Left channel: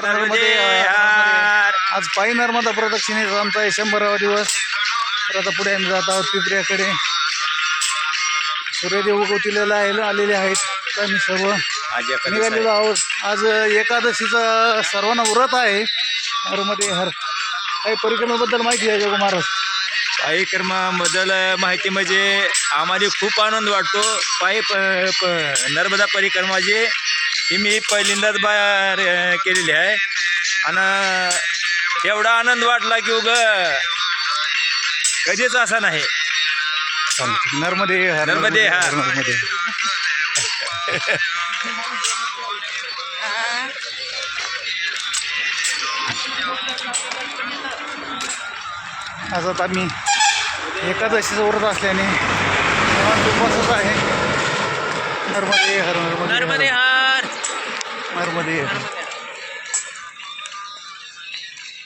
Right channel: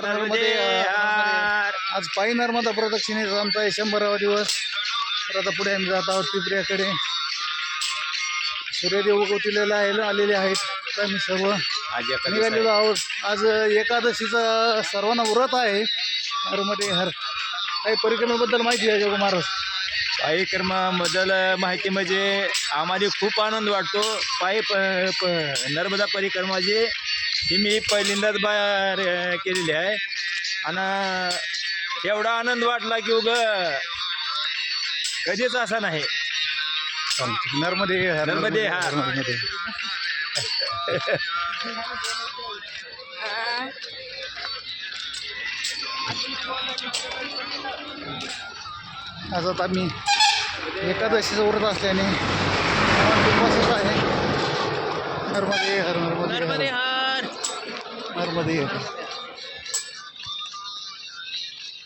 नर्मदे हर. आज पायी नर्मदा प्रदक्षिणेचा आमचा 100वा दिवस. तर आता पुढे आम्ही जात आहोत पिपऱ्याकडे. सूर्यदेव उगवतीला आलेले आहेत. आम्ही सर्व निघालेलो आहोत. आज एकादशीचा सर्वांना व्रत आहे. नर्मदे हर. काही परिक्रमेबद्दल माहिती आहे का महाराज? कार्यक्रमाबद्दल माहिती म्हणजे आम्हाला खूप आनंद वाटतो. नर्मदा परिक्रमा जी ही मी पहिल्यांदाच केलेली आहे आणि एवढा आनंद वाटला की कधीच असा नाही. नर्मदे हर. नर्मदे हर. नर्मदे. आज आता आम्ही एकादशीचं व्रत असल्याने उपवासच आहे. नर्मदे हर. नर्मदे नर्मदे हर. नर्मदे हर.